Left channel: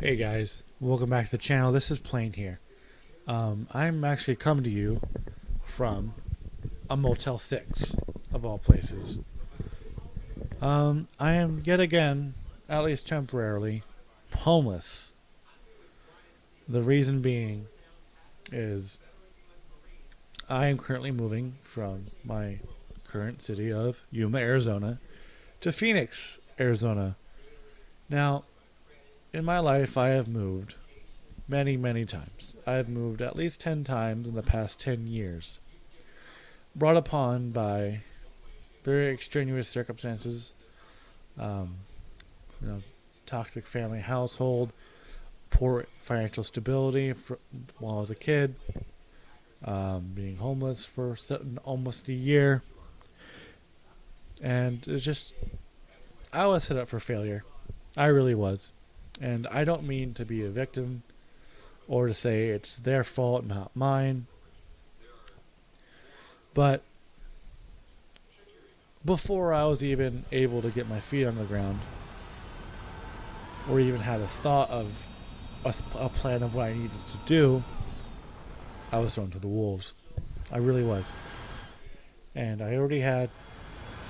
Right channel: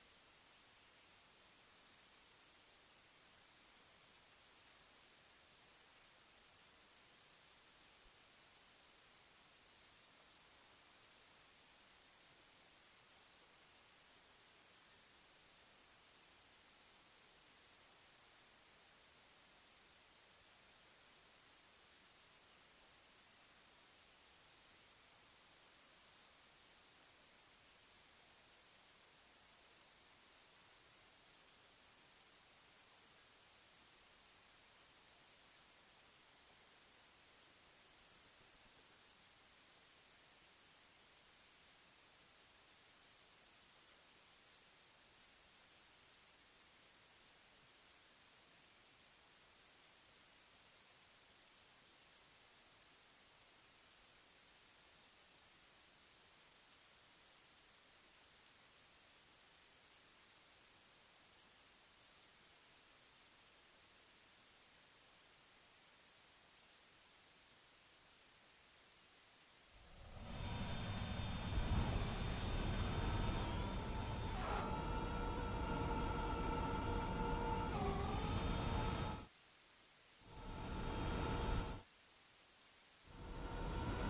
Hey guys, welcome back to the channel. This is Plain here. I'm actually coming to you from a Motel 6, of all places. I am yet again, at least temporarily, homeless. The reason being is I am currently moving from my current city of Yuma, Arizona, to Phoenix, Arizona. Now, in my life, I have moved many, many times. I've moved at least 10 times in the past 10 years. Brought upon by very extraneous circumstances, um, you know, toxic family household, poor financial stability while I was a kid, being homeless for almost a year. And it's just, I was set up for failure. I really was. And I don't mean to be a victim or to say it's their fault, not mine. But before I was even able to get my feet on the ground, or even had a thought of a plan of what I needed to do, I was thrown to the wolves. I really was. And I already had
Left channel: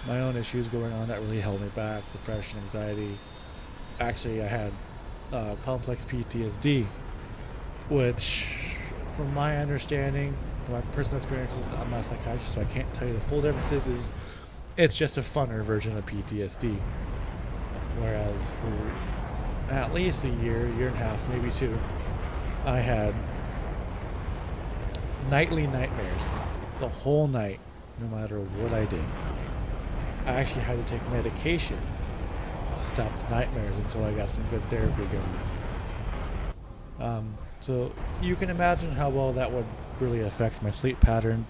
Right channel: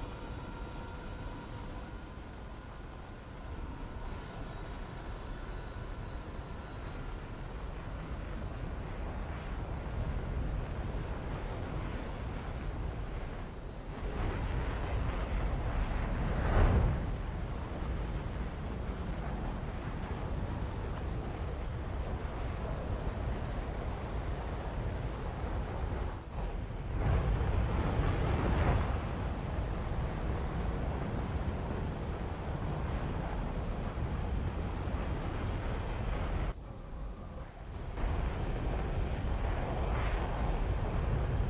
my own issues going on that really held me back: depression, anxiety. Actually, I had complex PTSD, which, from my understanding, my personal experiences, I'm not a psychiatrist, so I can't tell you the full differences, is it's just a funner version of PTSD. Whereas for at least a year, year and a half, maybe two, I had nightly nightmares the whole night, no matter what I did. I actually had to take medication to stop the nightmares until I got some good therapy going. So you can imagine how well that would really affect my sleep pattern.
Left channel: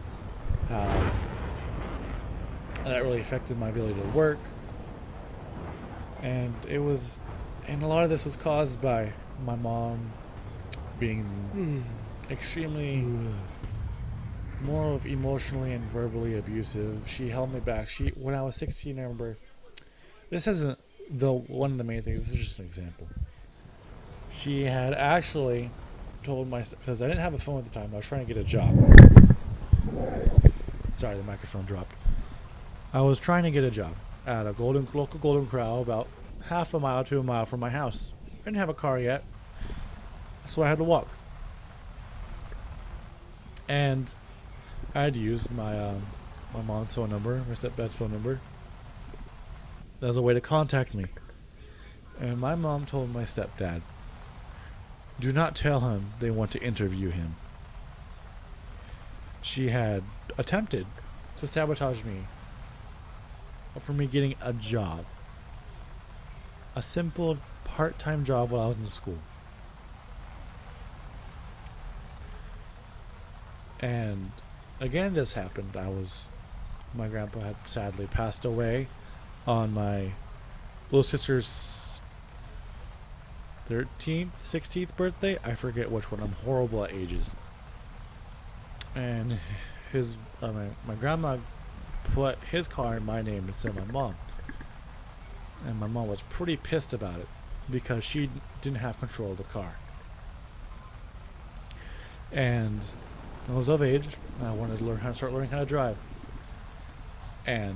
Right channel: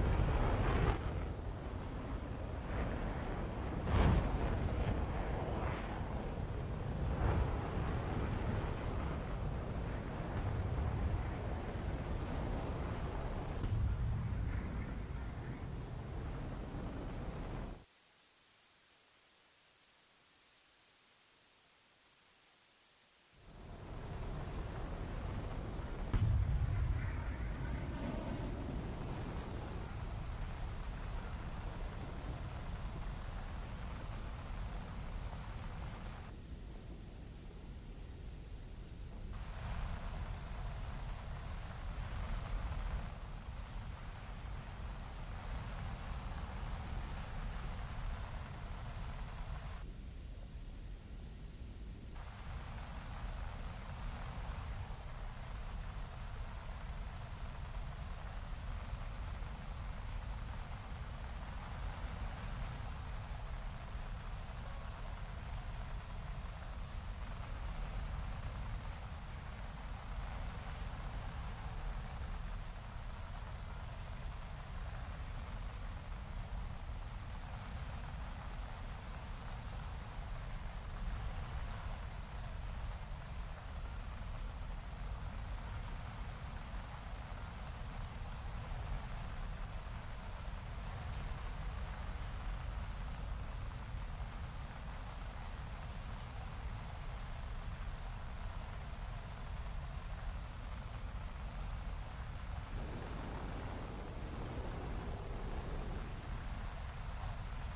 That really affected my ability to work. And a lot of this was caused by my mom being extremely more of emotionally and verbally abusive. She held me back. When I was 16, I remember, this isn't one of the main things, this is just an example. She had actually told because I didn't have a phone at the time, I was trying to get a job. Sorry, the microphone dropped. I was trying to get a job at a local Golden Corral about half a mile to a mile from my house. I didn't have a car yet, so I had to walk. And I had used my mom's phone number, my stepdad's phone number, as a way to contact me. And my mom told my stepdad, do not tell him they want to interview him. She had attempted to sabotage me for me getting a job. A simple part-time job while I was in school. And again, this happened. My grandpa had sadly passed away on my little sister's 13th, 16th birthday. I forget which one. I'm horrible at ages. And my grandma put his car in my name instead of my mom. And my mom was pretty pissed about it because she didn't have control of the car. And I was of age, and I wanted to start learning how to drive. And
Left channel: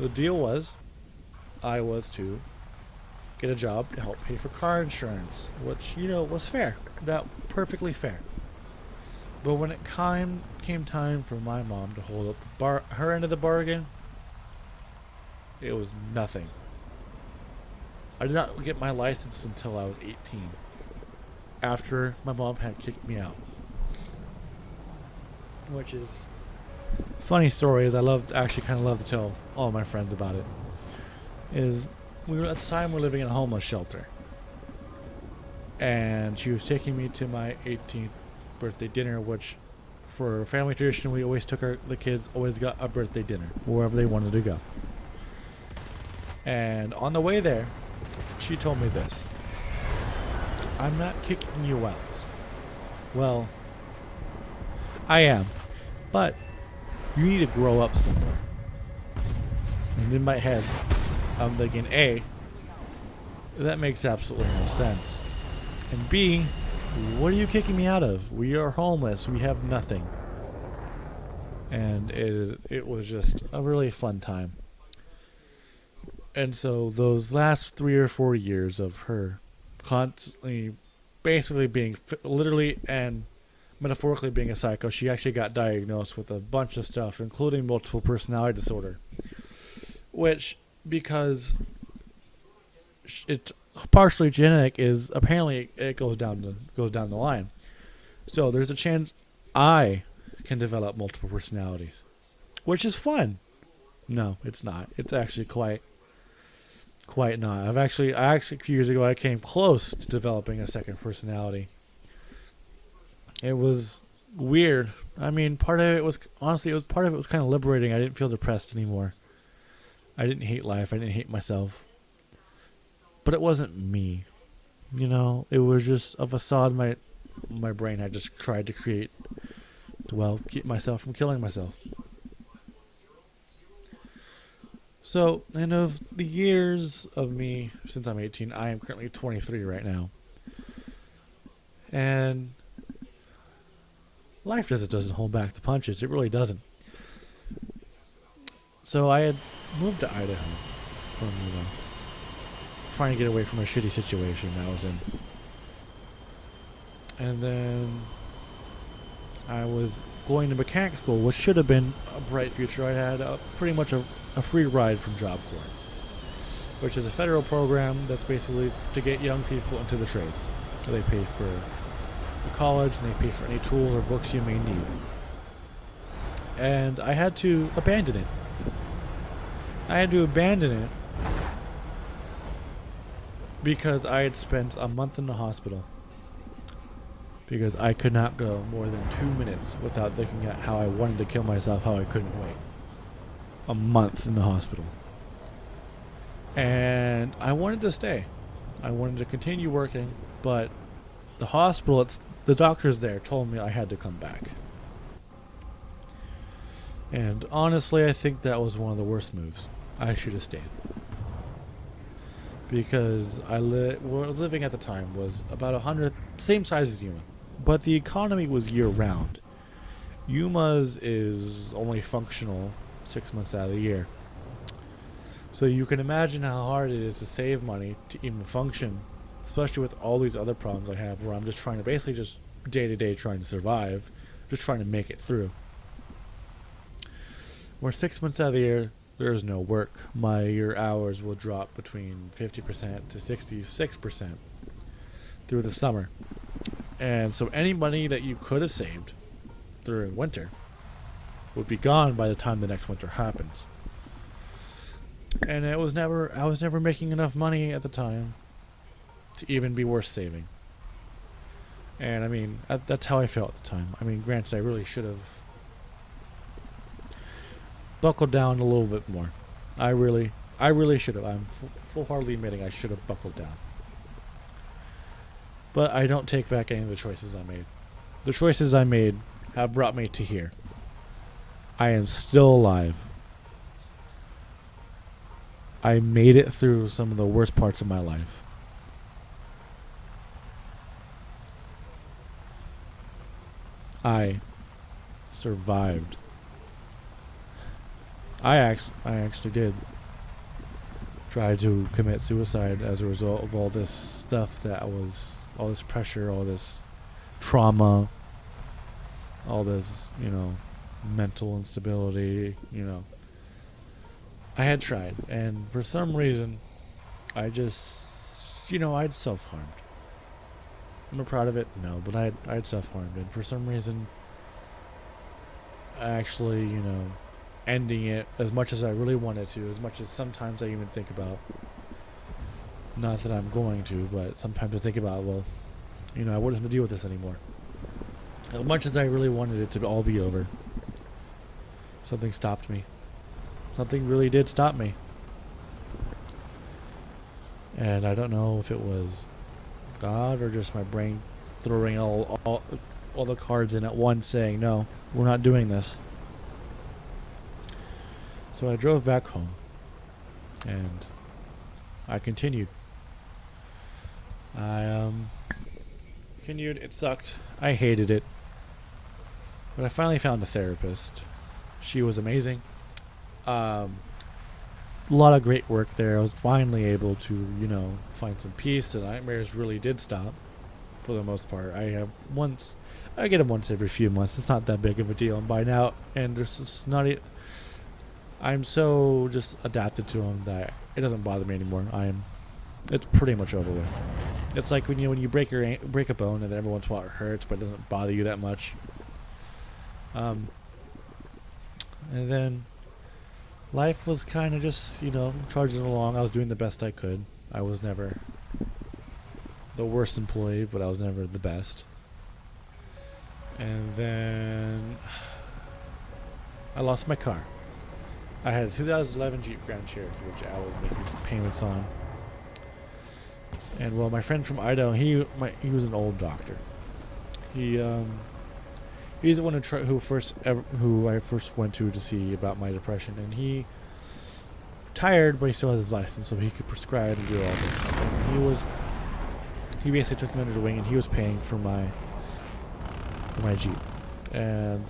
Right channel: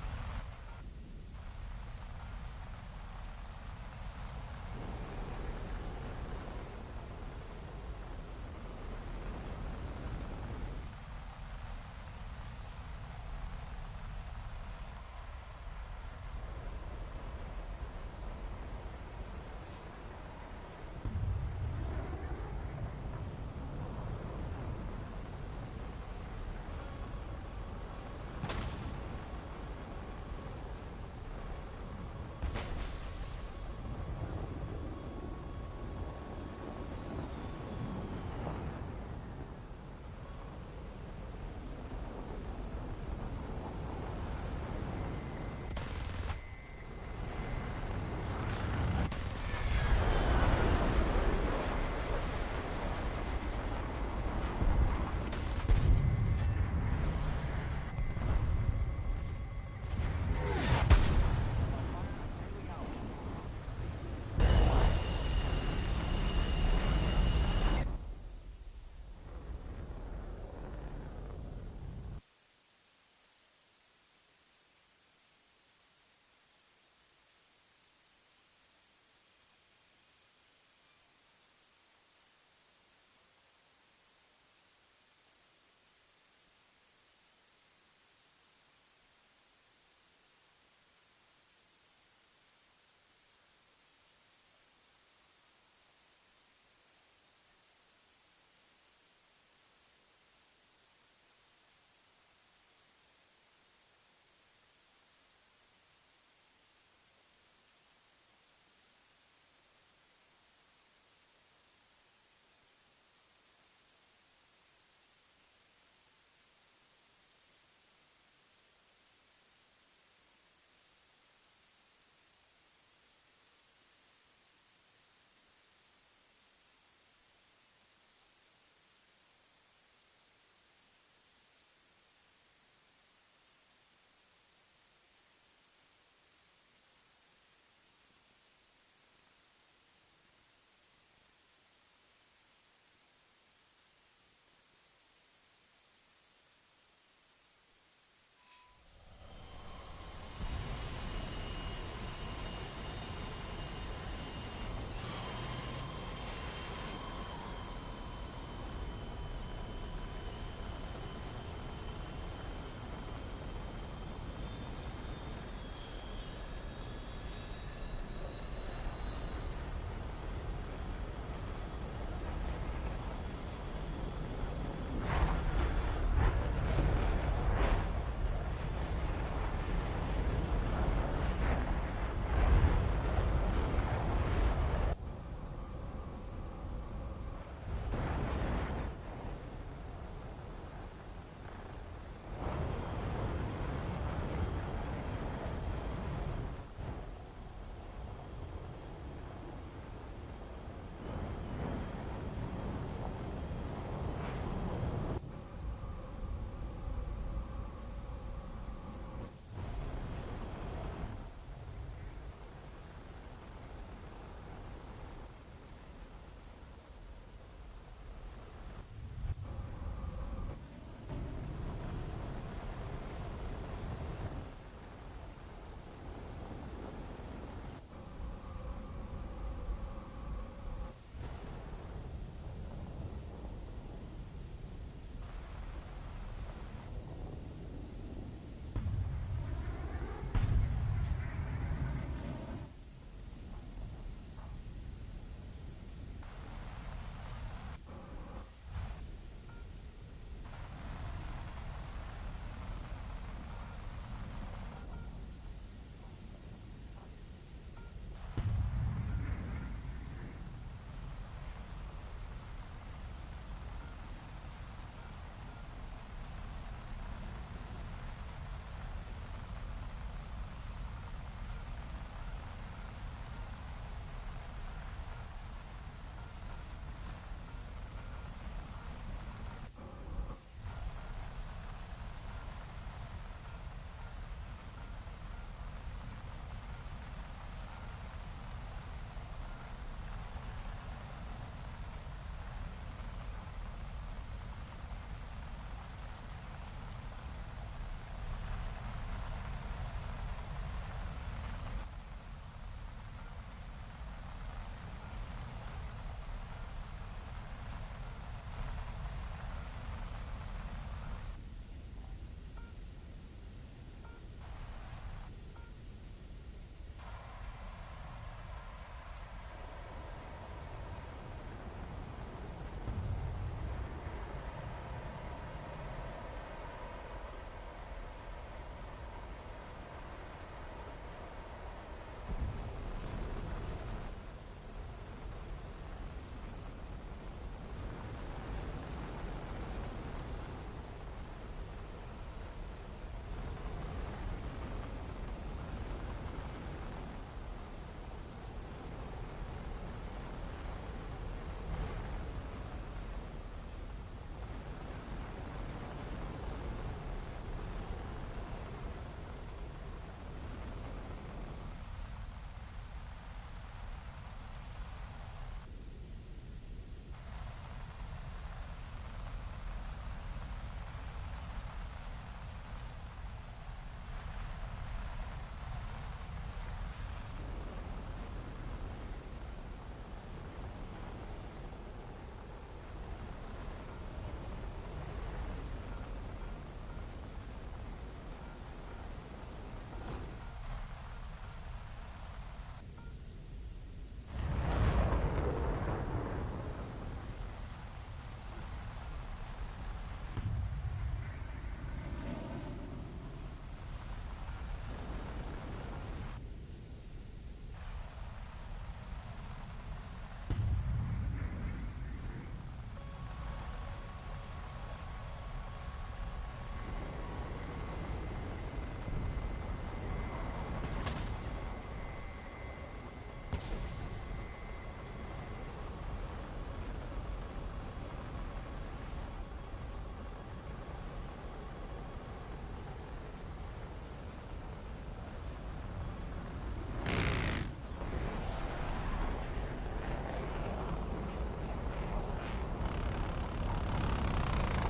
the deal was, I was to get a job to help pay for car insurance, which, was fair. That perfectly fair. But when it came time for my mom to hold up her end of the bargain, it was nothing. I did not get my license until I was 18, after my mom had kicked me out. Which is funny story, is I kind of love to tell all my friends about it. Is at the time we were living in a homeless shelter, and she was taking me to my 18th birthday dinner, which, for family tradition, we always took the kids always got a birthday dinner wherever they wanted to go. And on the way there, she told me this: I'm not kicking you out. Well, I am, but you need to grow up somewhere. And in my head, I'm thinking, that makes absolutely no sense. B, what are you kicking me out of? We are homeless. We have nothing. And it was just a really fun time. And so those last 3 or 4 years of her constantly, basically being literally and metaphorically being a psycho, she actually got diagnosed with a bunch of stuff, including multiple personality disorder. Which, because it's partially genetic, is apparently it goes down the line. So there's a chance I can develop multiple personalities, which is fun. No, it's not. It's actually quite not. I actually a few years ago I came close to developing a second personality. It was weird. I mean, part of it was kind of liberating. I didn't feel depressed anymore. I didn't hate life. I didn't hate myself. But it wasn't me. It was just a facade my brain had just tried to create to, keep myself from killing myself. So, and of the years of me since I'm 18, I am currently 23 right now. And life just doesn't hold back the punches. It really doesn't. So I had moved to Idaho from, trying to get away from a shitty situation I was in. And then I was going to mechanic school, which should have been a bright future. I had pretty much a free ride from Job Corps, which is a federal program that's basically to get young people into the trades. So they pay for college and they pay for any tools or books you may need. And I had to abandon it. Because I had spent a month in the hospital. Because I could not go more than 2 minutes without thinking at how I wanted to kill myself, how I couldn't wait. A month in the hospital. And I wanted to stay. I wanted to continue working, but the hospital, the doctors there told me I had to come back. And honestly, I think that was one of the worst moves. I should have stayed. Because where I was living at the time was about 100, same size as Yuma. But the economy was year-round. Yuma's is only functional 6 months out of the year. So you can imagine how hard it is to save money to even function, especially with all these other problems I have where I'm just trying to basically just day-to-day trying to survive, just trying to make it through. Where 6 months out of the year, there is no work. Your hours will drop between 50% to 66% through the summer. And so any money that you could have saved during winter would be gone by the time the next winter happens. And I was never making enough money at the time to even be worth saving. And I mean, that's how I felt at the time. I mean, granted, I really should have buckled down a little bit more. I really should have. I'm full-heartedly admitting I should have buckled down. But I don't take back any of the choices I made. The choices I made have brought me to here. I am still alive. I made it through some of the worst parts of my life. I survived. I actually did try to commit suicide as a result of all this stuff all this pressure, all this trauma, all this, mental instability, I had tried, and for some reason, I just, I'd self-harmed. Am I proud of it? No, but I'd self-harmed, and for some reason, actually, ending it as much as I really wanted to, as much as sometimes I even think about, not that I'm going to, but sometimes I think about, I wouldn't have to deal with this anymore. As much as I really wanted it to all be over, something stopped me. Something really did stop me. And I don't know if it was God or just my brain throwing all the cards in at once saying, no, we're not doing this. So I drove back home, and I continued. I continued. It sucked. I hated it. But I finally found a therapist. She was amazing. A lot of great work there. I was finally able to, find some peace. The nightmares really did stop for the most part. I get them once every few months. It's not that big of a deal. And by now, and there's just not. I'm so just adapted to them that it doesn't bother me anymore. It's pretty much over with. It's like when you break a bone, and then every once in a while it hurts, but it doesn't bother you that much. And then life was kind of just, trudging along. I was doing the best I could. I was never the worst employee, but I was never the best. And then I lost my car. I had a 2011 Jeep Grand Cherokee, which I was making payments on. And well, my friend from Idaho, he was an old doctor. He's the one who I first went to see about my depression, and he retired, but he still has his license, so he could prescribe and do all this. He basically took me under the wing, and he was paying for my Jeep. And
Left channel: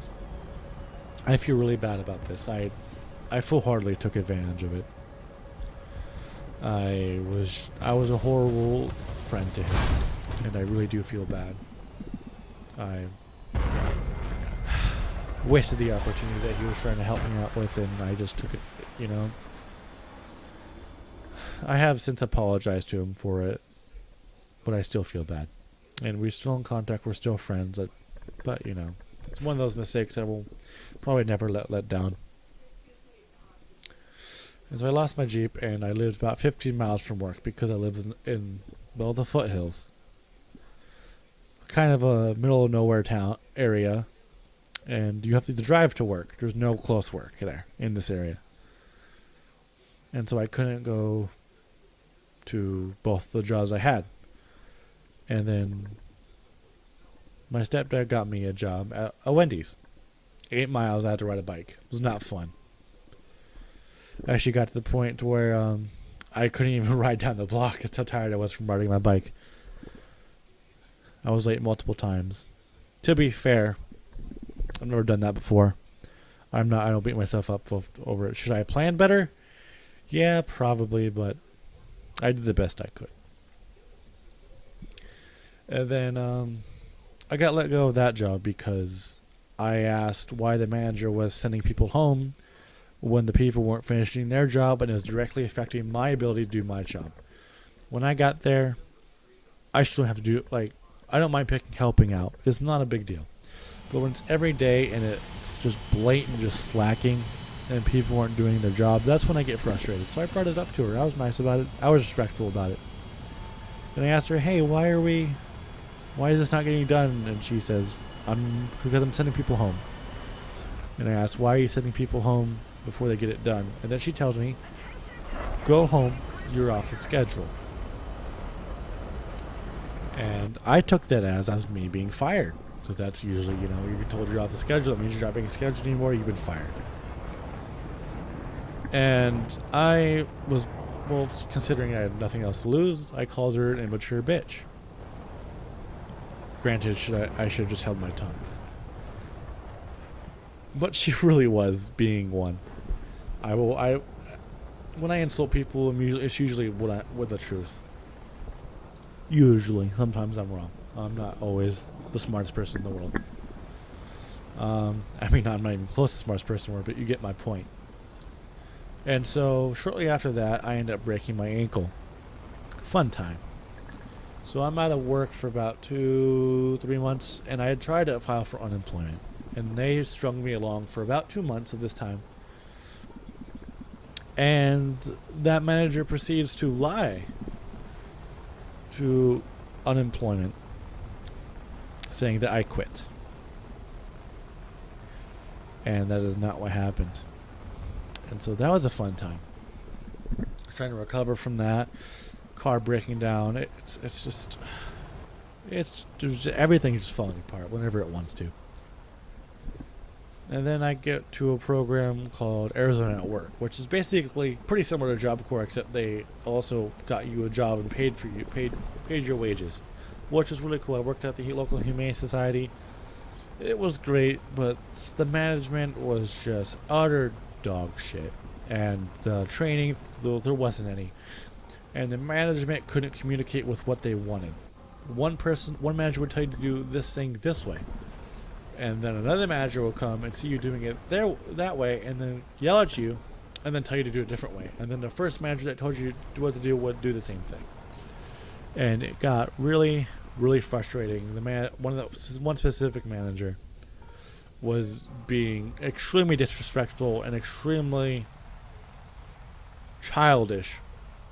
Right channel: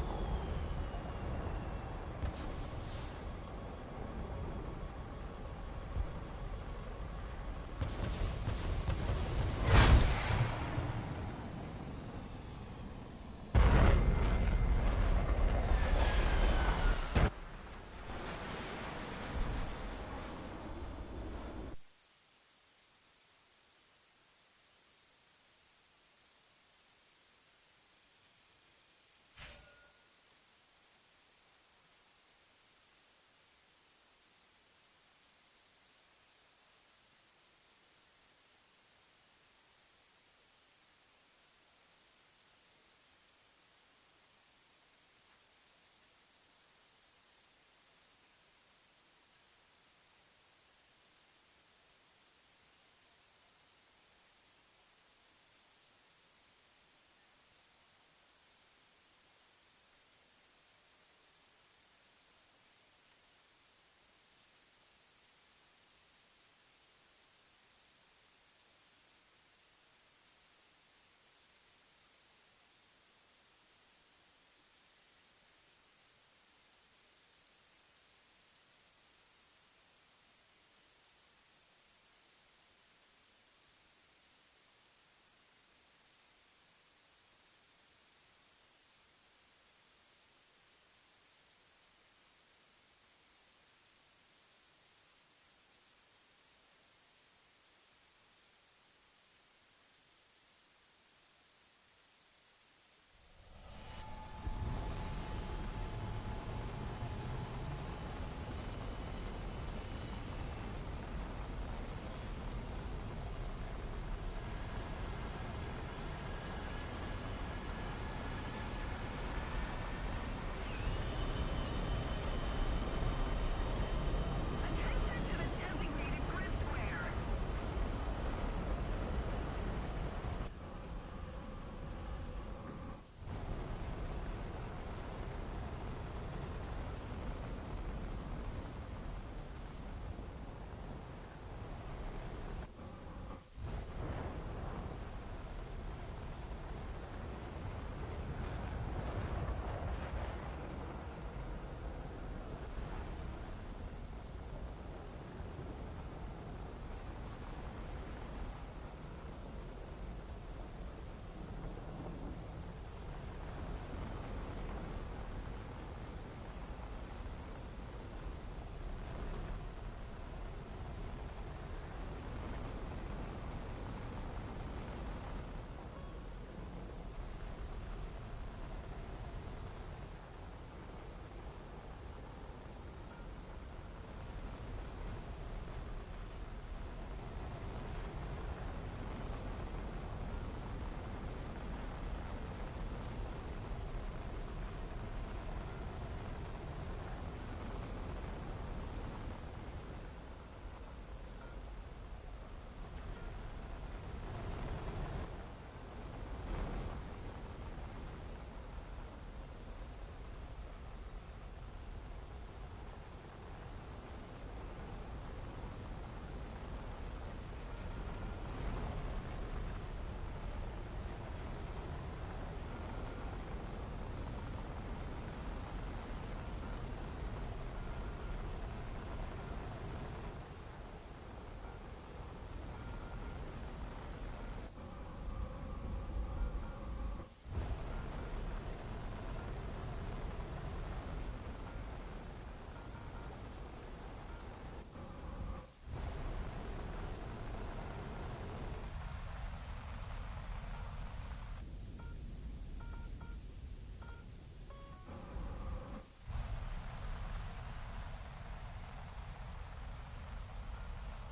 I feel really bad about this. I full-heartedly took advantage of it. I was a horrible friend to him, and I really do feel bad. I wasted the opportunity that he was trying to help me out with, and I just took it, I have since apologized to him for it, but I still feel bad. And we're still in contact, we're still friends, but it's one of those mistakes that I will probably never let down. And so I lost my Jeep, and I lived about 15 miles from work because I live in the foothills. Kind of a middle of nowhere town area, and you have to drive to work. There's no close work there in this area. And so I couldn't go to both the jobs I had. And then my stepdad got me a job at a Wendy's. 8 miles, I had to ride a bike. It was not fun. I actually got to the point to where I couldn't even ride down the block. That's how tired I was from riding my bike. I was late multiple times. To be fair, I've never done that before. I don't beat myself up over it. Should I plan better? Yeah, probably, but I did the best I could. And then I got let go of that job because I asked why the manager was sending people home when the people weren't finishing their job, and it was directly affecting my ability to do my job. When I got there, I still have to do I don't mind helping out. It's not a big deal. But when it's every day and it's just blatant, just slacking, and people weren't doing their job, that's when I get frustrated. So I brought it up to her. I was nice about it. I was respectful about it. And I asked her, hey, why is this not getting done? And she says, because I'm sending people home. And I asked, why are you sending people home before they get it done? And then she tells me, go home, you're off the schedule. And I took that as me being fired. Because that's usually, you're told you're off the schedule. That means you're not being scheduled anymore. You've been fired. And I was, considering I had nothing else to lose, I called her an immature bitch. Granted, I should have just held my tongue. But she really was being one. When I insult people, it's usually with the truth. Usually. Sometimes I'm wrong. I'm not always the smartest person in the world. I'm not even close to the smartest person in the world, but you get my point. And so, shortly after that, I ended up breaking my ankle. Fun time. So I'm out of work for about 2-3 months, and I had tried to file for unemployment. And they strung me along for about 2 months at this time. And that manager proceeds to lie to unemployment, saying that I quit. And that is not what happened. And so that was a fun time. Trying to recover from that. Car breaking down. It's just everything's just falling apart whenever it wants to. And then I get to a program called Arizona at Work, which is basically pretty similar to Job Corps, except they also got you a job and paid your wages. which was really cool. I worked at the local humane society. It was great, but the management was just utter dog shit, and the training, there wasn't any, and the management couldn't communicate with what they wanted. One manager would tell you to do this thing this way, and then another manager will come and see you doing it that way, and then yell at you, and then tell you to do it a different way. And then the first manager that told you what to do would do the same thing, and it got really, really frustrating. One specific manager was being extremely disrespectful and extremely childish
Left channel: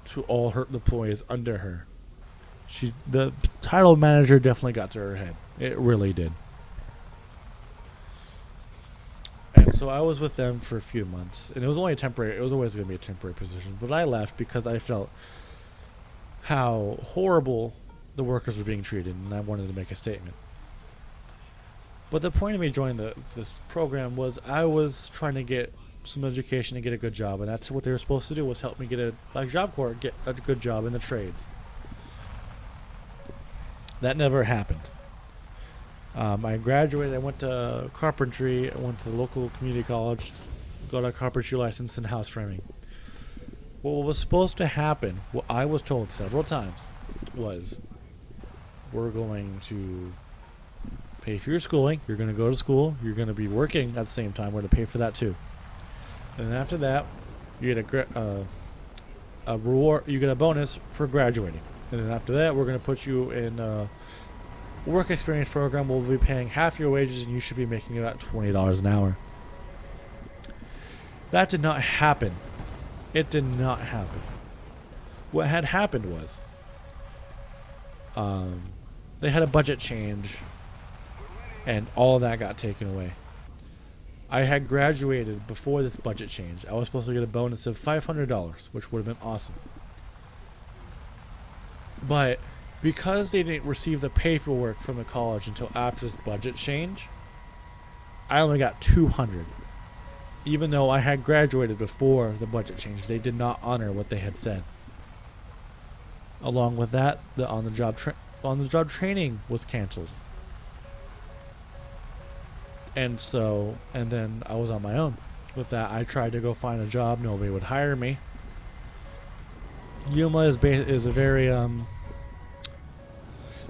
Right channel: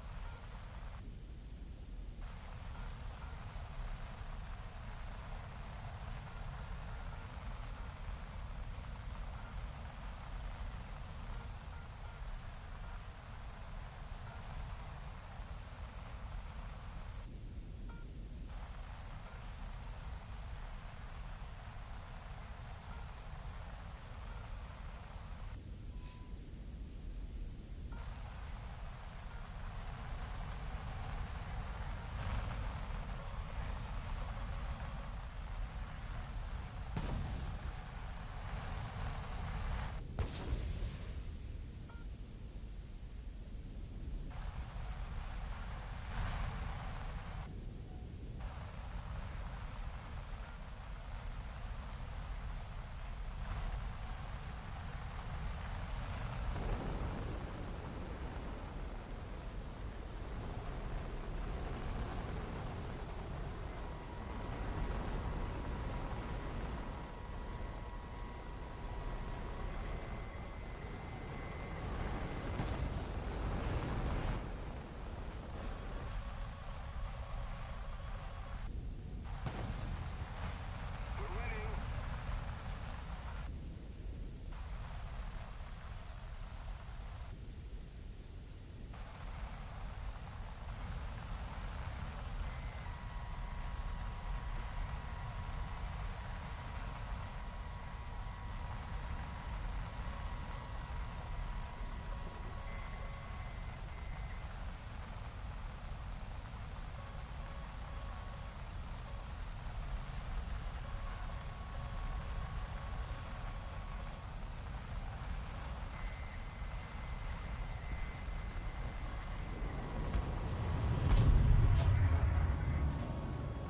to all her employees under her. The title manager definitely got to her head. It really did. And so I was with them for a few months, and it was only temporary. It was always going to be a temporary position, but I left because I felt how horrible the workers were being treated, and I wanted to make a statement. But the point of me joining this program was I was trying to get some education and get a good job, and that's what they were supposed to do, was help me get a Job Corps, get a good job in the trades. That never happened. I graduated. I went to carpentry. I went to the local community college, got a carpentry license in house framing. What was supposed to happen, what I was told several times, was we're going to pay for your schooling. You're going to go to school. You're going to be working at the same time. We're going to pay for that too. And after that, you get a reward. You get a bonus for graduating. And then after that, we're going to put you in a work experience program. We'll be paying half your wages, and you should be making about $20 an hour. That did not happen. It did not happen. What had happened was they had a budget change, and all of that got taken away. I had graduated before this budget change. I was supposed to get a bonus of $500, which would have been awesome. But because they didn't receive the paperwork from the college until after this budget change, I only got $200. Even though I had graduated before the budget change, they did not honor what they had said. Along with that, the on-the-job training was canceled. And then I was on my own. With that, I tried to go find a job. Nobody would hire me. Yuma is a very,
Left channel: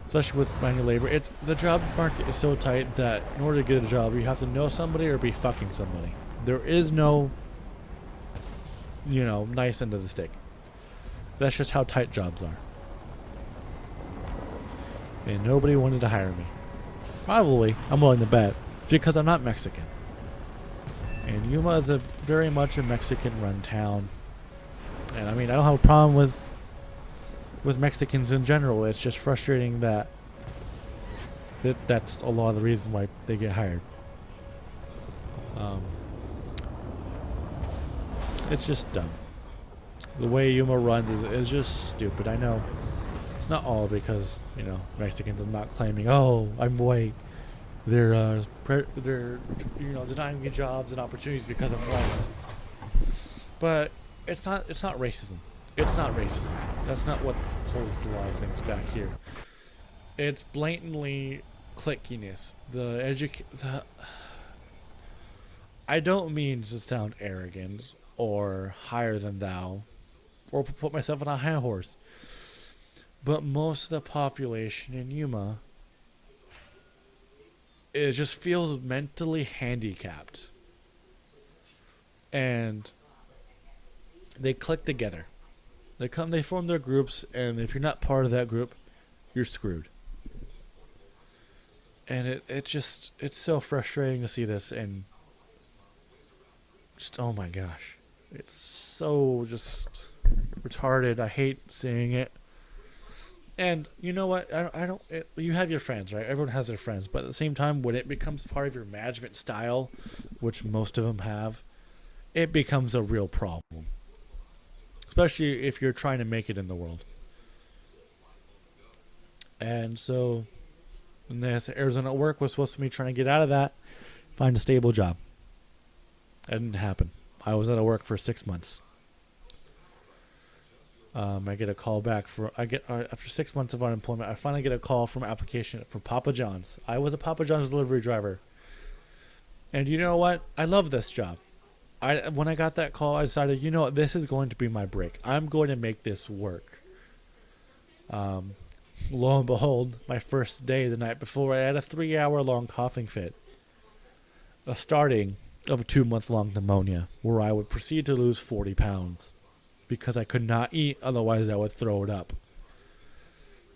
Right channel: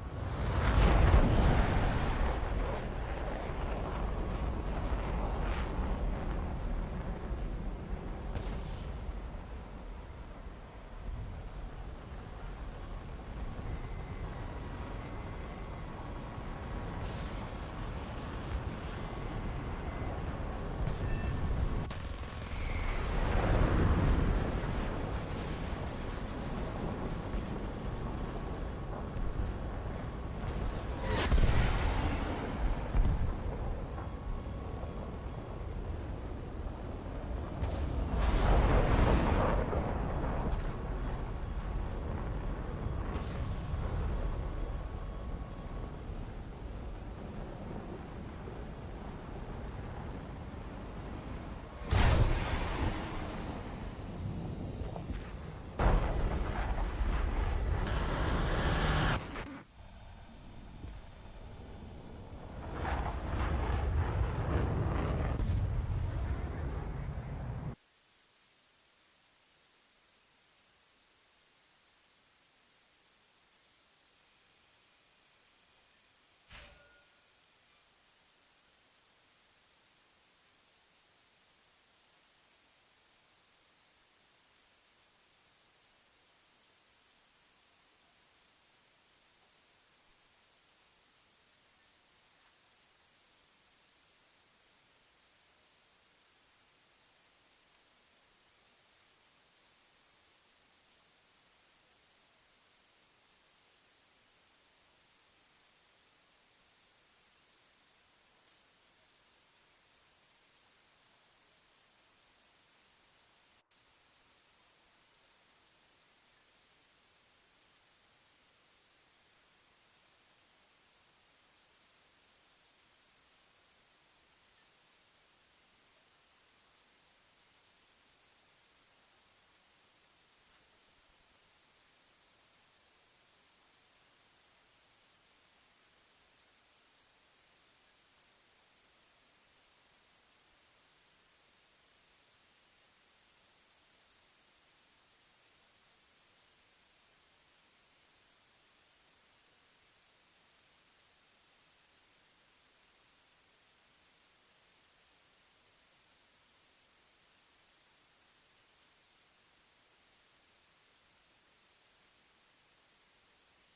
especially with manual labor, the job market is so tight that in order to get a job, you have to know somebody or be fucking somebody. There is no, nice end of the stick. That's just how tight jobs are. And nobody wanted to hire me. Probably, I'm willing to bet, because I'm not Mexican. And Yuma is very much a Mexican-run town. And I mean, I don't have a problem with Mexicans in general. It's just frustrating that that's a lot of the reasons why they get hired. It's just dumb. The way Yuma runs is just stupid. I know it's not all because Mexicans are not claiming, oh, I'm white. They're denying me jobs and opportunities because I'm white. But it's not racism. It's not racism. That's not what holds the laws is back here. It's blatantly cliquiness. I don't mean to sound arrogant or higher than thou, or put myself on a high horse. But most of the population in Yuma, it just feels mentally handicapped. And they click together. They form their groups, and if you're not part of that group, you're screwed. And it's so frustrating to see this, and just, oh my gosh. It's so just retarded. I hate seeing it. And you know what? You have your friends, right? Everyone has their friends. But at the same time, when it becomes part of your management style, which most of them have, it becomes a real problem. Especially if you're trying to make it in the world. And so, in this Arizona work was supposed to be trying to get out of that, find a stable job. That didn't happen. I was out of work for 6 months. I get a call back after 6 months of unemployment. I finally get a call from application for Papa John's. I was a Papa John's delivery driver, and you know what? I love this job. When I got that call, I decided, you know what, this is going to be my break. I'm going to make this work. Lo and behold, my first day the night before, I had a 3-hour-long coughing fit, a starting of a 2-month-long pneumonia, where I would proceed to lose 40 pounds because I could not eat, otherwise I would throw it up.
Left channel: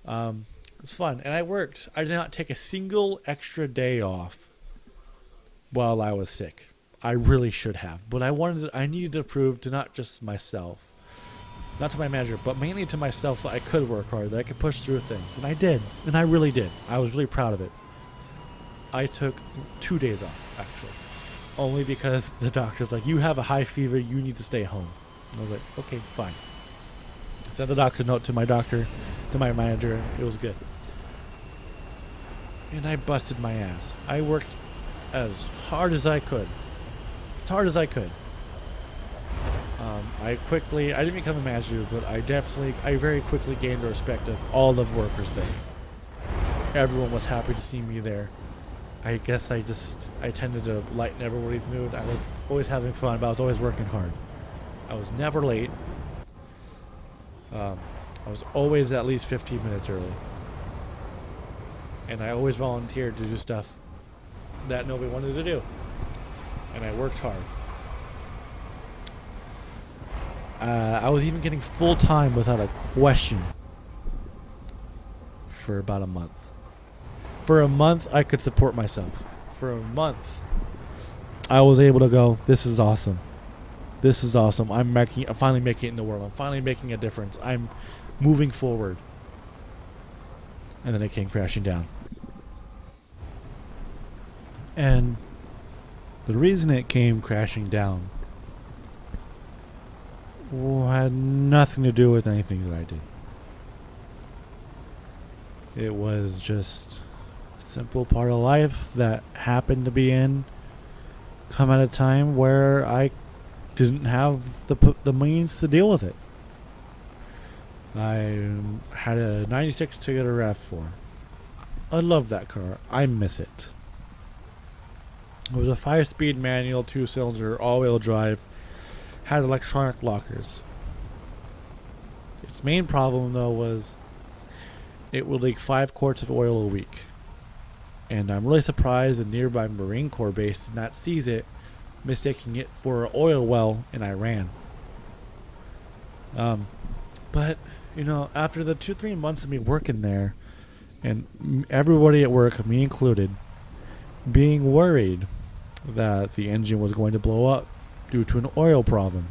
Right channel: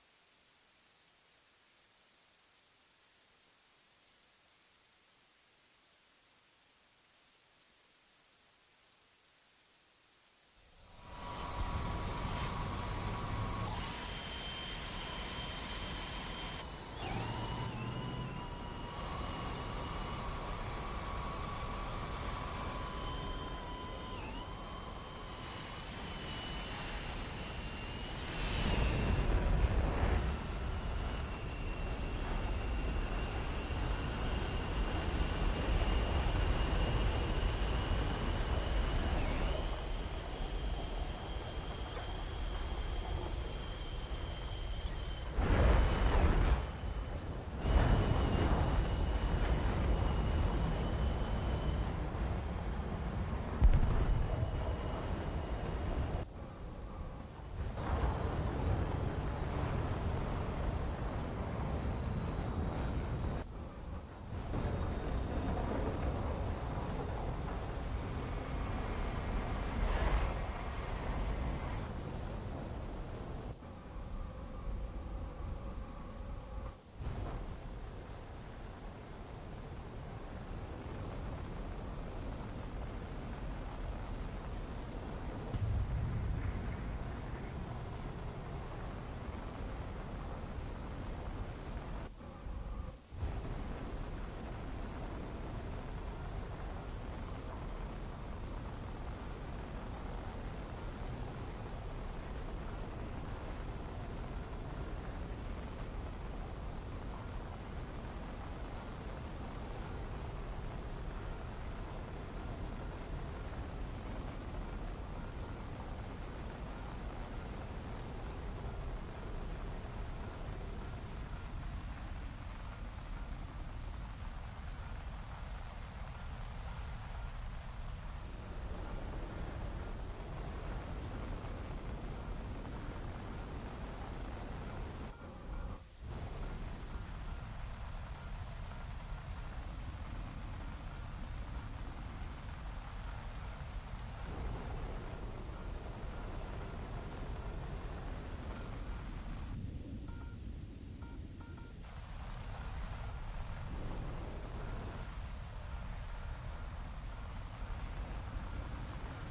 It was fun, and I worked. I did not take a single extra day off while I was sick. I really should have, but I needed to prove to not just myself, not to my manager, but mainly to myself that I could work hard, that I could push through things, and I did, and I really did. I was really proud of it. I took 2 days off, actually, only because the doctor's like, you have a high fever, you need to stay home. And I was like, okay, fine. Sent the doctor note to my manager. It was good. And I busted my ass. I worked as hard as I could. As hard as I could. I didn't become a manager, but I very quickly gained the respect of all the workers there. Everyone was happy to see me there. I guess I tended to lighten everybody's mood. I was always having fun, but I was always working hard. I was never late. I was always at least 15 minutes early. And I always volunteered to do stuff that nobody wanted to do. And I worked hard. I was even getting full time without a question for about a month. For a month, I could support myself. For a month, I was able to go, this is awesome. This is awesome. I'm finally making it in the world. I'm finally making a difference. I'm moving forward. And then it came crashing down. And the reason it came crashing down had nothing to do with anything that I did. It was just a simple part of life that happened to be come at a time where I didn't have the means to deal with it. I had a 96 Toyota RAV4. I love that car. I miss it. It was a 5-speed manual, 2-cylinder, all-wheel drive, had electronic lockers. Its main problem, though, was it would leak 5 quarts of oil a week. And I'm really surprised the nearby Marine Corps base did not seize it, mistaking it for an oil well in Iran. But, after the 2-3 months of me working there, and everybody at work, me included, being worried that the engine was going to blow up due to an oil problem.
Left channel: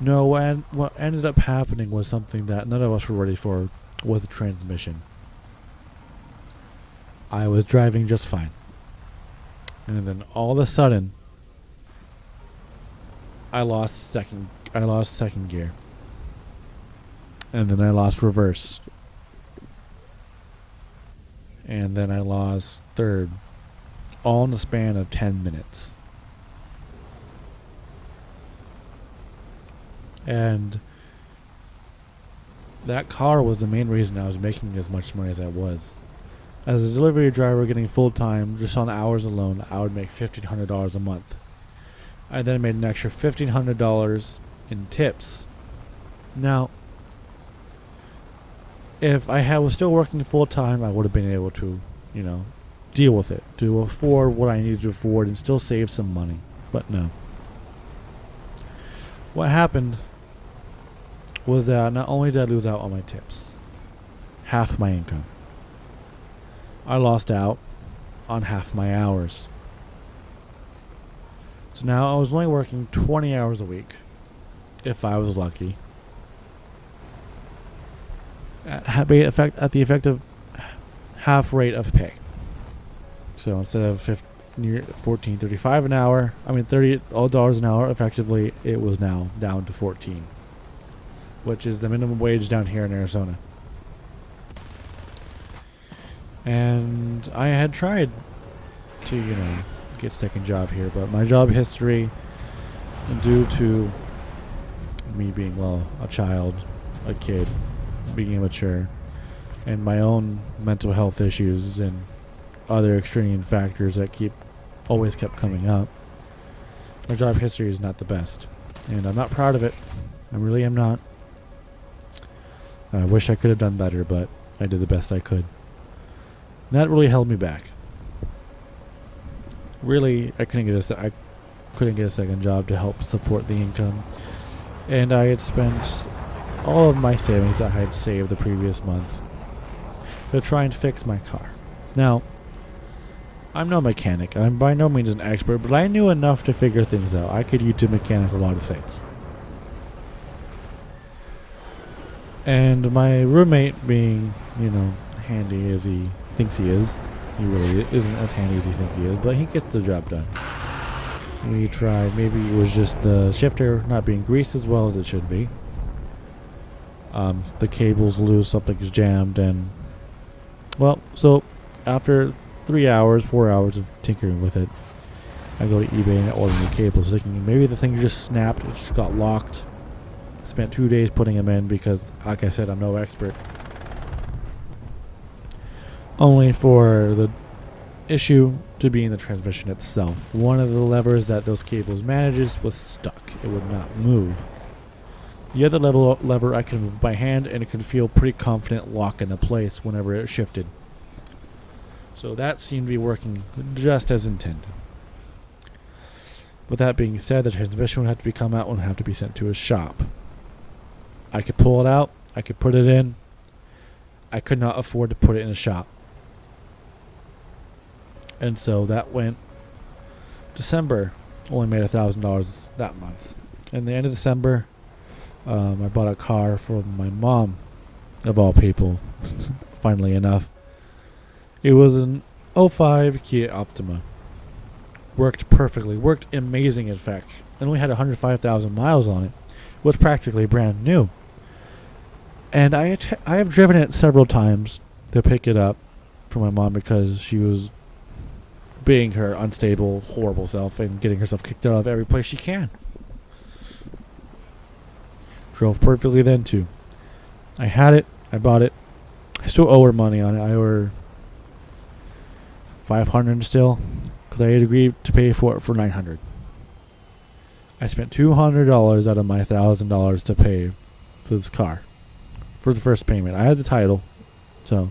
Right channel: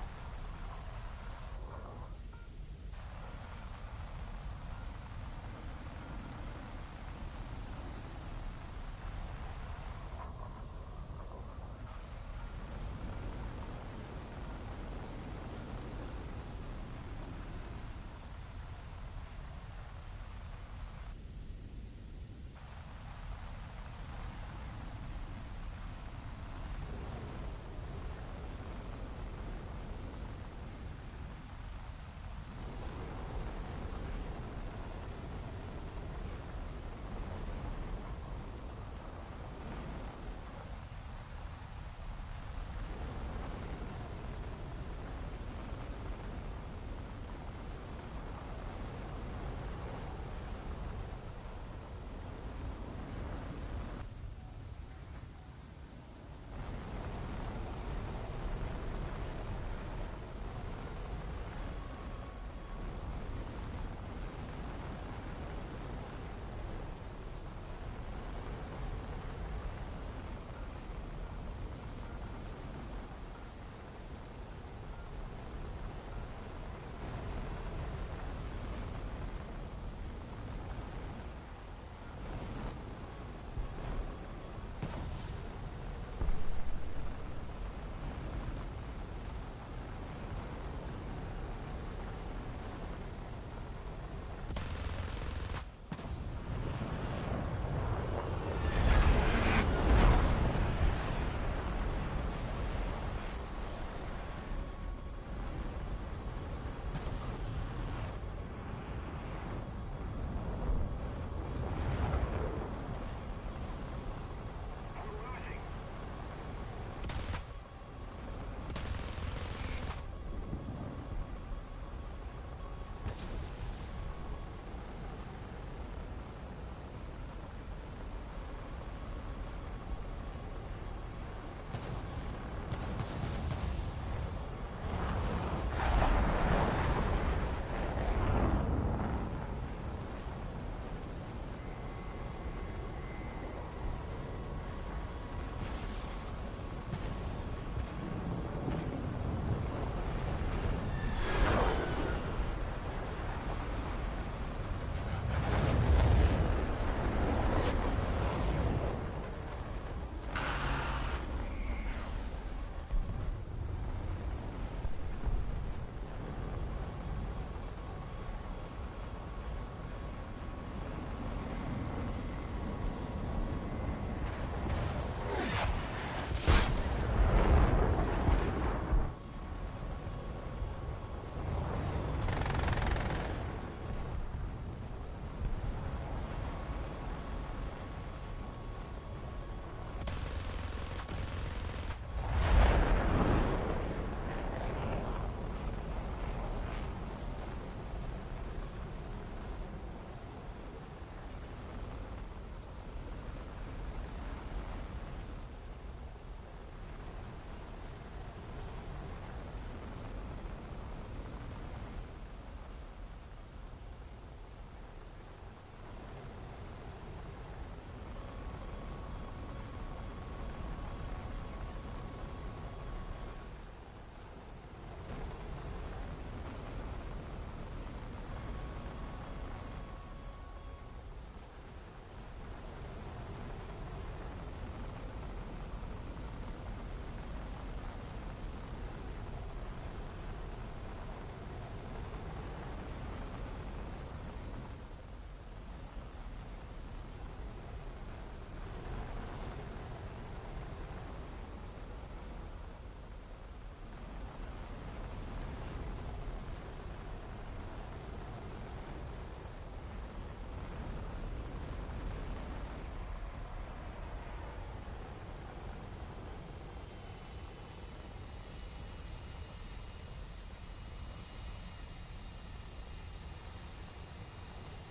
No, and what ended up happening was something that none of us were ready for, was the transmission. I was driving just fine. And then all of a sudden, I lost second gear. And then I lost reverse. And then I lost third. All in the span of 10 minutes. And that car was the main reason I was making as much money as I was. As a delivery driver getting full time, just on hours alone, I would make $1,500 a month. I then made an extra $1,500 in tips. Now, if I was still working full time, I would have been able to, deal with it, to afford what I needed to afford and still save some money. But no. What happened was that not only did I lose out on my tips, half my income, I lost out on half my hours. So now I was only working 20 hours a week, if I was lucky, at the effective half rate of pay. So instead of $14.35 an hour, $30 an hour, effectively it was now down to 14, which is the minimum wage down here in Arizona. And I had tried to, get a second job here, but my job history, due to me being, well, a child, a kid, being immature, and my own mental health issues and other extraneous factors that always kept coming up. My job history is not the best, and I'm not proud of it. I really am not. I wish I could have done better, but I did the best I could. And that really held me back. Really, I couldn't get a second job to help support the income, and I had spent all of my savings that I had saved the previous month to try and fix my car. Now, I'm no mechanic. I'm by no means an expert, but I knew enough to figure things out. I could YouTube mechanics a lot of things. And my roommate, being, handy as he thinks he is, he really isn't as handy as he thinks he is, but he gets the job done. We tried. Maybe it was just the shifter not being greased as well as it should be. The cable's loose, something's jammed, and so after 4 hours of tinkering with it, I go to eBay and I order new cables, thinking maybe the thing just snapped, it just got locked. Spent 2 days putting them in because, like I said, I'm no expert. Only for the issue to be in the transmission itself. One of the levers that those cables manages was stuck. It would not move. The other lever I can move by hand, and it can feel pretty confident lock into place whenever it shifted. So that seemed to be working just as intended. With that being said, the transmission would have to come out and would have to be sent to a shop. I could pull it out, I could put it in. I could not afford to put it in a shop. And so that went December, only made $1,000 that month. And the end of December, I bought a car for my mom, of all people, funnily enough. It was an '05 Kia Optima. Worked perfectly, worked amazing in fact. It only had 105,000 miles on it. Was practically brand new. And I have driven it several times to pick it up for my mom because she was being her unstable, horrible self and getting herself kicked out of every place she can. Drove perfectly then too. I had it. I bought it. I still owe her money on it. I owe her $500 still because I had agreed to pay for it for $900. I spent $200 out of my $1,000 to pay for this car for the first payment. I had the title, so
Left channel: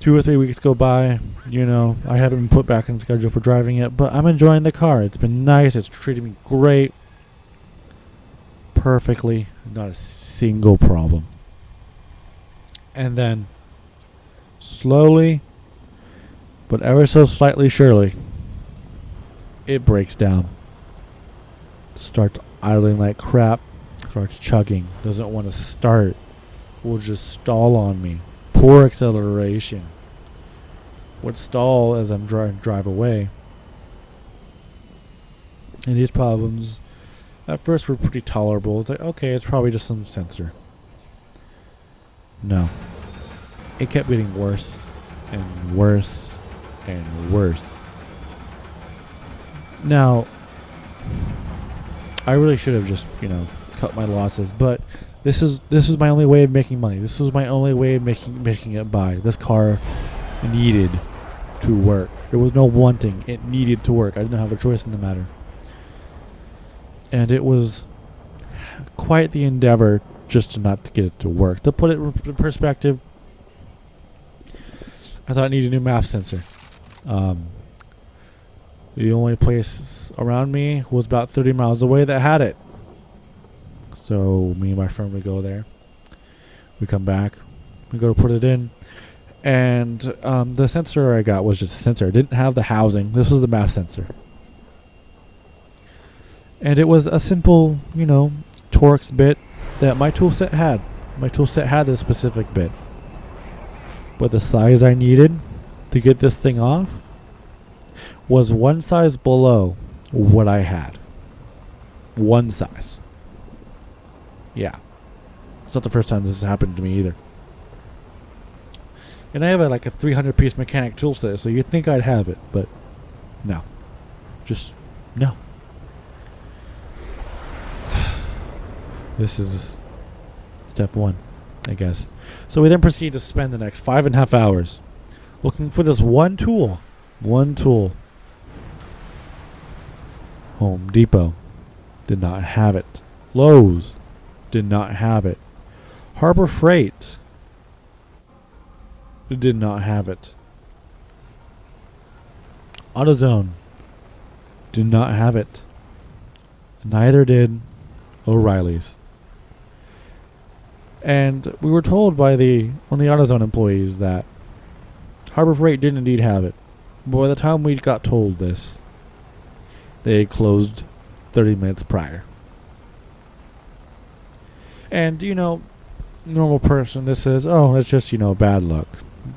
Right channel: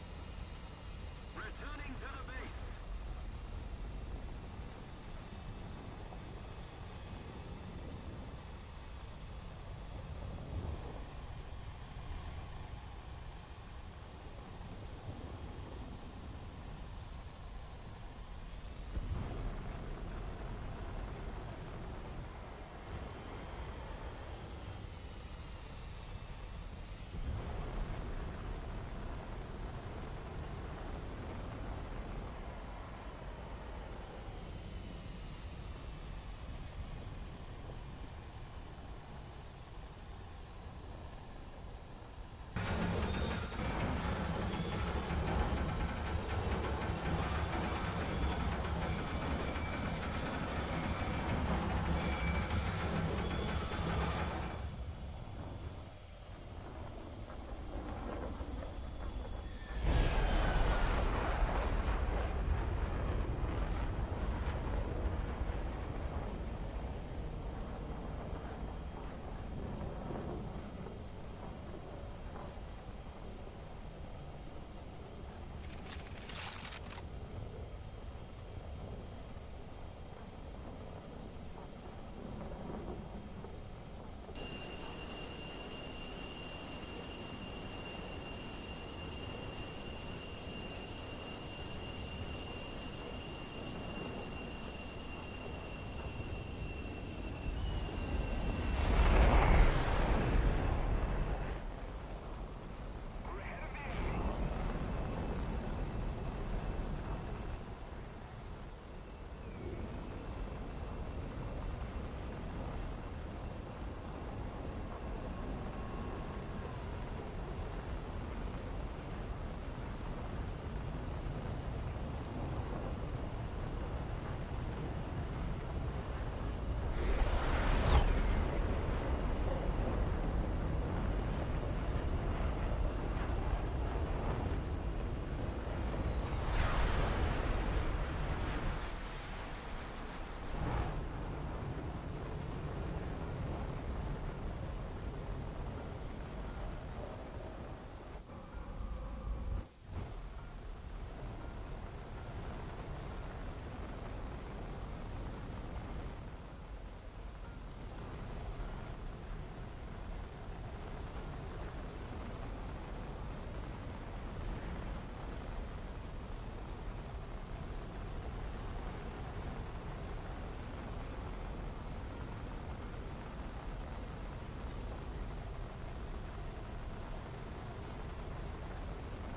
2 or 3 weeks go by. I haven't been put back on schedule for driving it, but I'm enjoying the car. It's been nice. It's treated me great, perfectly, not a single problem. And then, slowly, but ever so slightly surely, it breaks down. Starts idling like crap. Starts chugging. Doesn't want to start. Will just stall on me. Poor acceleration. Would stall as I'm drive away. And these problems at first were pretty tolerable. It's like, okay, it's probably just some sensor. No. It kept getting worse and worse and worse. Now, I really should have just, cut my losses, but this is my only way of making money. This was my only way of making it by. This car needed to work. There was no wanting. It needed to work. I didn't have a choice in the matter. And it was quite the endeavor just to not to get it to work. To put it in perspective, I thought I needed a new MAF sensor. The only place around me was about 30 miles away that had it. So me and my friend would go there. We come back. We go to put it in. And the sensor I got was just a sensor. It didn't have the housing. This was the MAF sensor. And it was a simple, Torx bit that my toolset had. My toolset had this specific bit. But the size I needed to get this thing off was one size below what I had. One size. Yeah. It's not the first time this has happened to me either. And I have a 300-piece mechanic tool set, so you'd think I'd have it, but no. Just no. This is step one, I guess. So we then proceed to spend the next 5.5 hours looking for this one tool. One tool. Home Depot did not have it. Lowe's did not have it. Harbor Freight did not have it. AutoZone did not have it. Neither did O'Reilly's. And we were told by the AutoZone employees that Harbor Freight did indeed have it. But by the time we got told this, they had closed 30 minutes prior. And, normal person, this is, it's just, bad luck.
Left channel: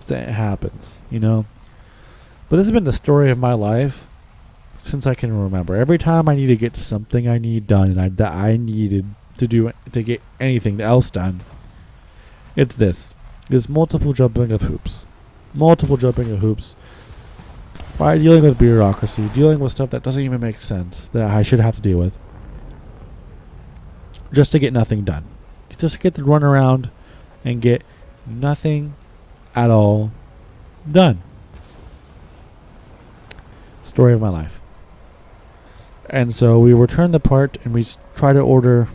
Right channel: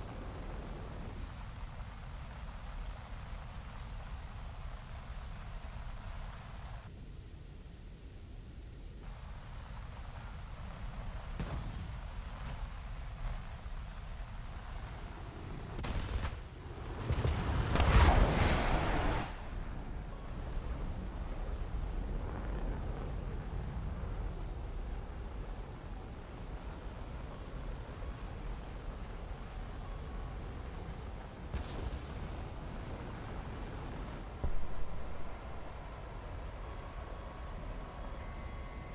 It happens, But this has been the story of my life since I can remember. Every time I need to get something I need done and that I needed to do to get anything else done, it's this. It's multiple jumping of hoops. Multiple jumping of hoops. By dealing with bureaucracy, dealing with stuff that doesn't even make sense, that I should have to deal with. Just to get nothing done. Just to get to run around and get nothing at all done. Story of my life. And so we return the part and we try to order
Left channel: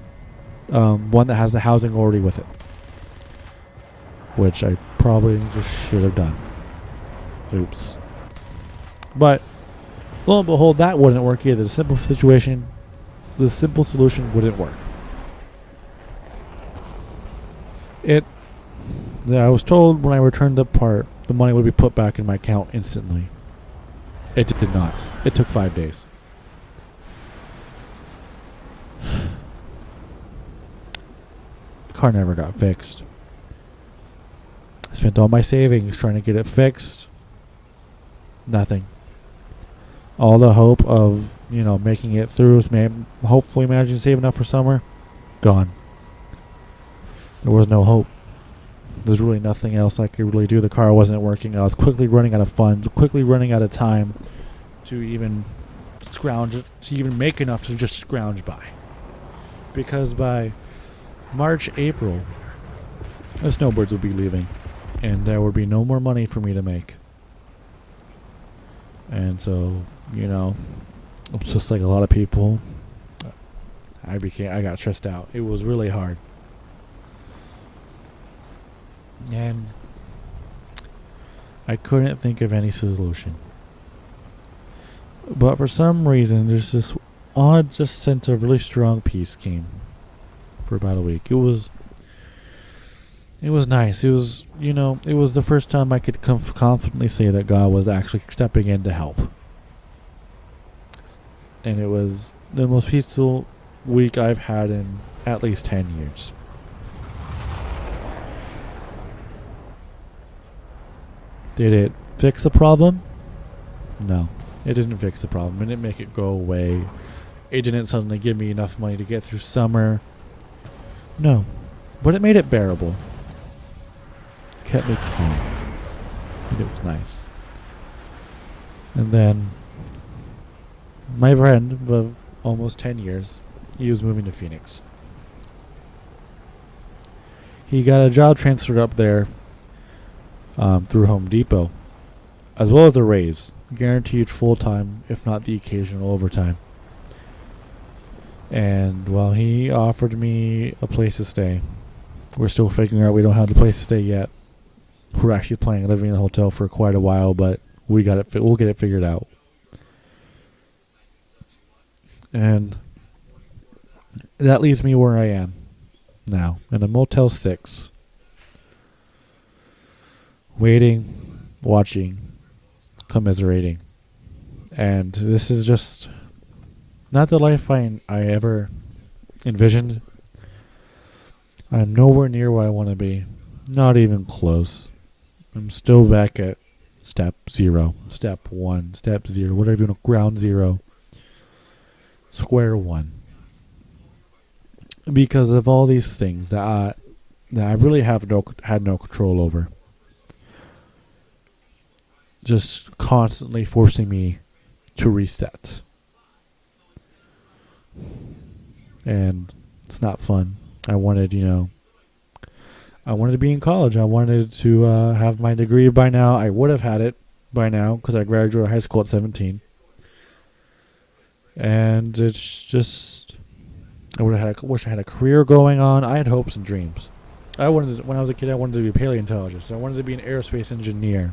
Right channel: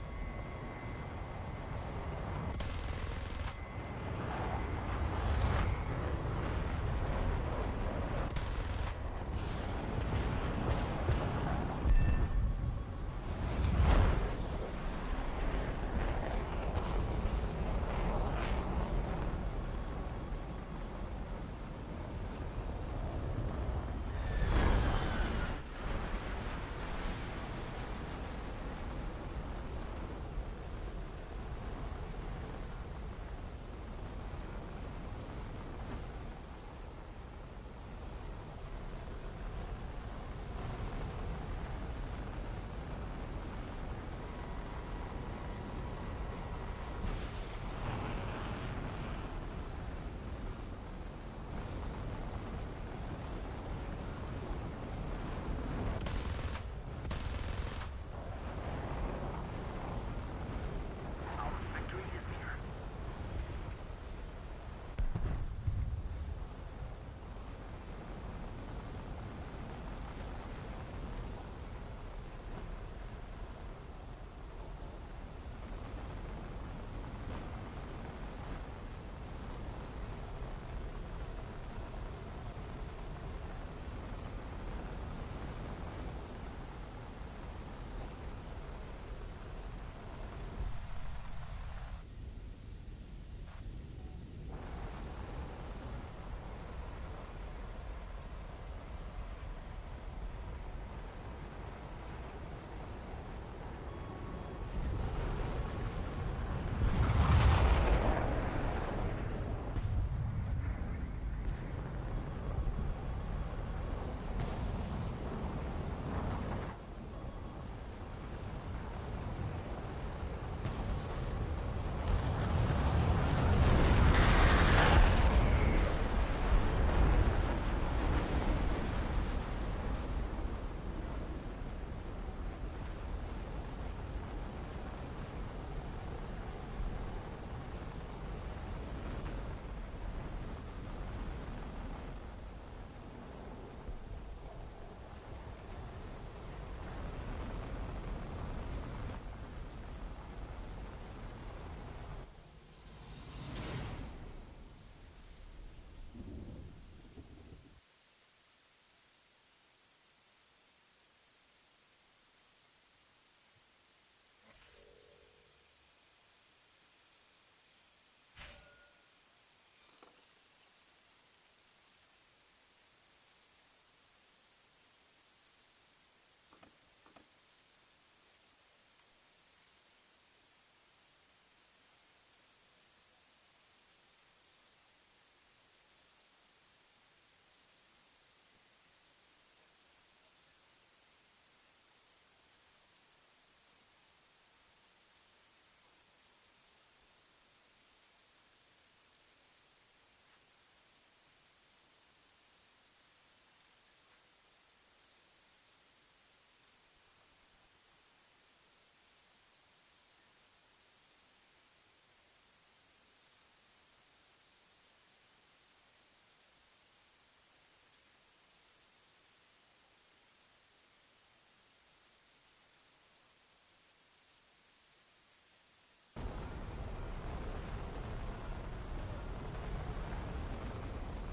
one that has the housing already with it. Which I probably just should have done. Oops. But lo and behold, that wouldn't work either. The simple solution wouldn't work. I was told when I returned the part, the money would be put back in my account instantly. It did not. It took 5 days. The car never got fixed. I spent all my savings trying to get it fixed. Nothing. All the hope of, making it through, hopefully managing to save enough for summer, gone. There was no hope. There's really nothing else I could really do. The car wasn't working. I was quickly running out of funds, quickly running out of time to even make enough to just scrounge by. Because by March, April, the snowbirds would be leaving. And there would be no more money for me to make. And so, it's just like a lot of people. I got stressed out. It was really hard. And I couldn't think of any solution. But for some reason, there's this odd just sense of really strong peace came for about a week. It was nice. It was, it was the first time I could confidently say that God was actually stepping in to help. And it was the most peaceful week I've had in at least 10 years. Did it fix the problem? No, it didn't fix the problem. It didn't make it go away. It didn't suddenly give me enough money to get through summer. No, but it made it bearable. Kept me calm. It was nice. And then my friend of almost 10 years, he was moving to Phoenix. He got a job transferred up there through Home Depot, as well as a raise, guaranteed full-time, if not the occasional overtime. And he offered me a place to stay. We're still figuring out. We don't have the place to stay yet. We're actually planning on living in a hotel for quite a while, but we'll get it figured out. And that leaves me where I am now, in a Motel 6. Waiting, watching, commiserating. And this is just not the life I ever envisioned. I'm nowhere near where I want to be. Not even close. I'm still back at step 0, step 1, step 0, whatever you want, ground 0, square 1. Because of all these things that I really had no control over. Just constantly forcing me to reset. And it's not fun. I wanted, I wanted to be in college. I wanted to have my degree by now. I would have had it by now because I graduated high school at 17. And it's just, wish I had a career going on. I had hopes and dreams. When I was a kid, I wanted to be a paleontologist. I wanted to be an aerospace engineer.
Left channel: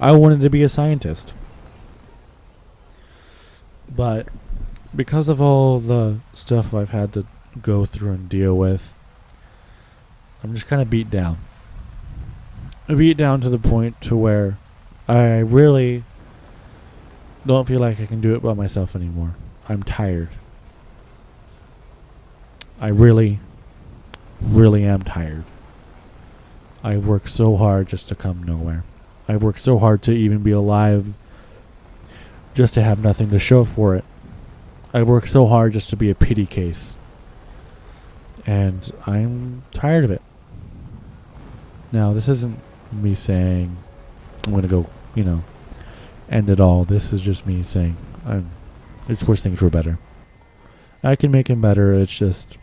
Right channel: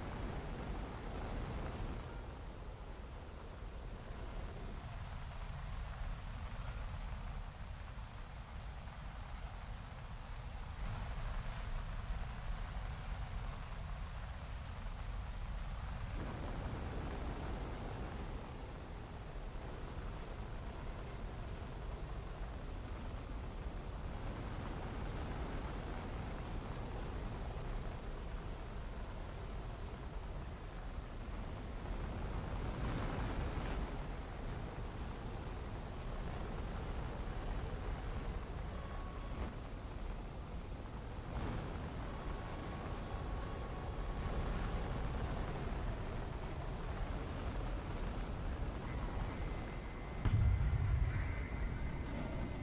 I wanted to be a scientist. But because of all the stuff I've had to go through and deal with, I'm just kind of beat down. I beat down to the point to where I really don't feel like I can do it by myself anymore. I'm tired. I really, really am tired. I've worked so hard just to come nowhere. I've worked so hard to even be alive just to have nothing to show for it. I've worked so hard just to be a pity case. And I'm tired of it. Now, this isn't me saying I'm going to go, end it all. This is just me saying I just wish things were better. I can make them better. It's just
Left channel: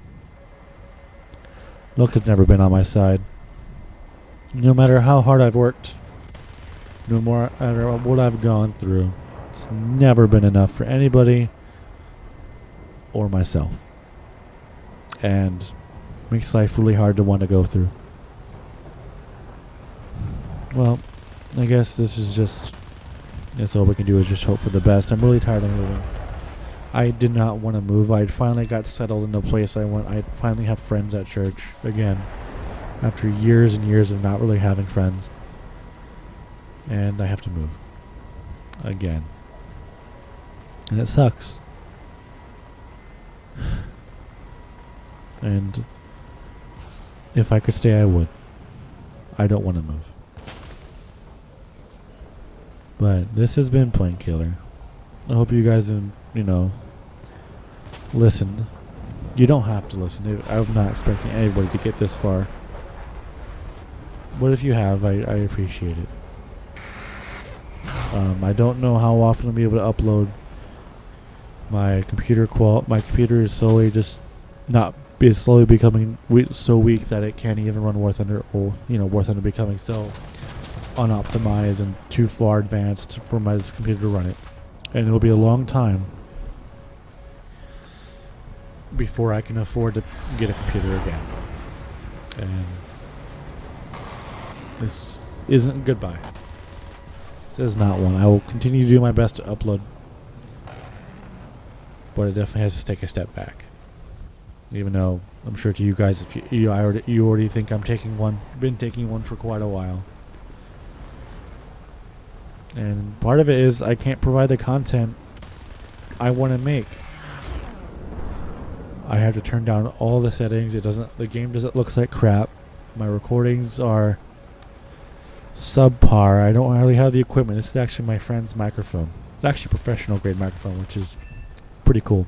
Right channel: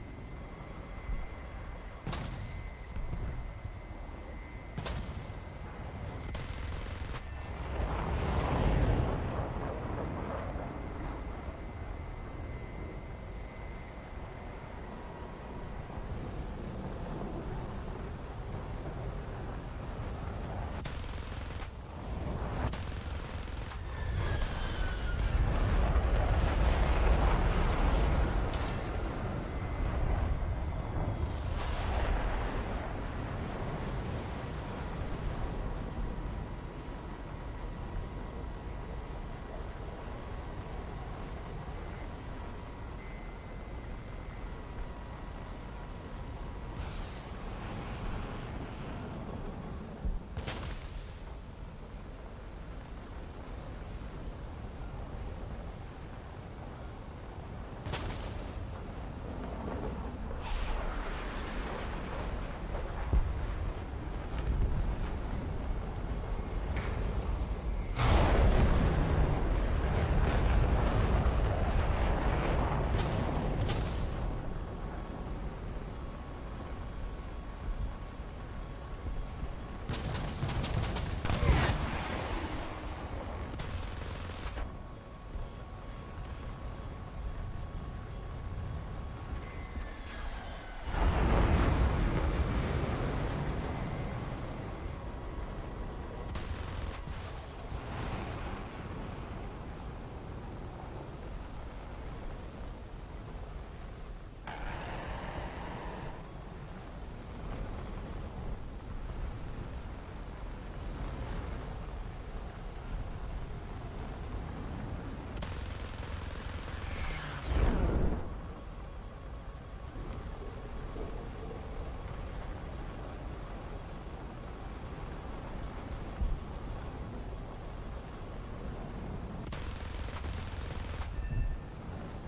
luck has never been on my side. No matter how hard I've worked, no matter what I've gone through, it's never been enough for anybody or myself. And makes life really hard to want to go through. Well, I guess that's all we can do is just hope for the best. I'm really tired of moving. I did not want to move. I finally got settled in a place I finally have friends at church again. After years and years of not really having friends. And I have to move. Again. And it sucks. And if I could stay, I would. I don't want to move. But this has been Plain Killer. I hope you guys have, listened. You don't have to listen. I'm not expecting anybody to get this far. But if you have, I appreciate it. I don't know how often I'll be able to upload. My computer is slowly slowly becoming so weak that it can't even run War Thunder, or War Thunder becoming so unoptimized and too far advanced for my computer to run it. And it'll be a long time before I can afford to get a computer again. And this isn't goodbye. This is not one. I will continue to do my best to upload, but it definitely has to take a step back. Even though I'm sure to you guys, if you already think I'm taking one, been taking one for quite a while. And part of it is I can't provide the content I want to make. I have to turn down all the settings. The game doesn't look like crap. My recordings are subpar. I don't really have the equipment. This is actually my friend's microphone. It's actually a professional grade microphone, which is pretty cool.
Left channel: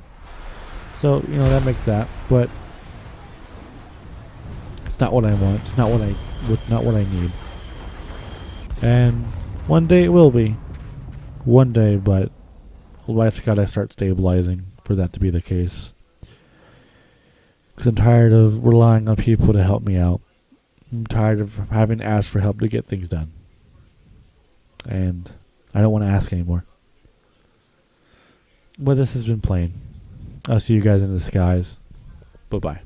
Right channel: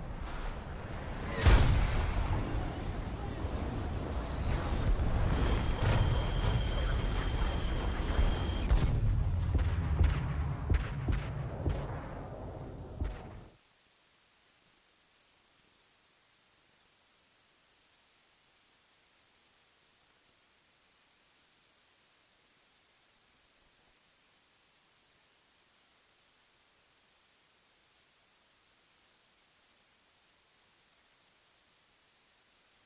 So, that makes that, but it's not what I want. It's not what I need. And one day it will be. One day, but life's gotta start stabilizing for that to be the case. Because I'm tired of relying on people to help me out. I'm tired of having to ask for help to get things done. And I don't want to ask anymore. But this has been Plain. I'll see you guys in the skies. Bye-bye.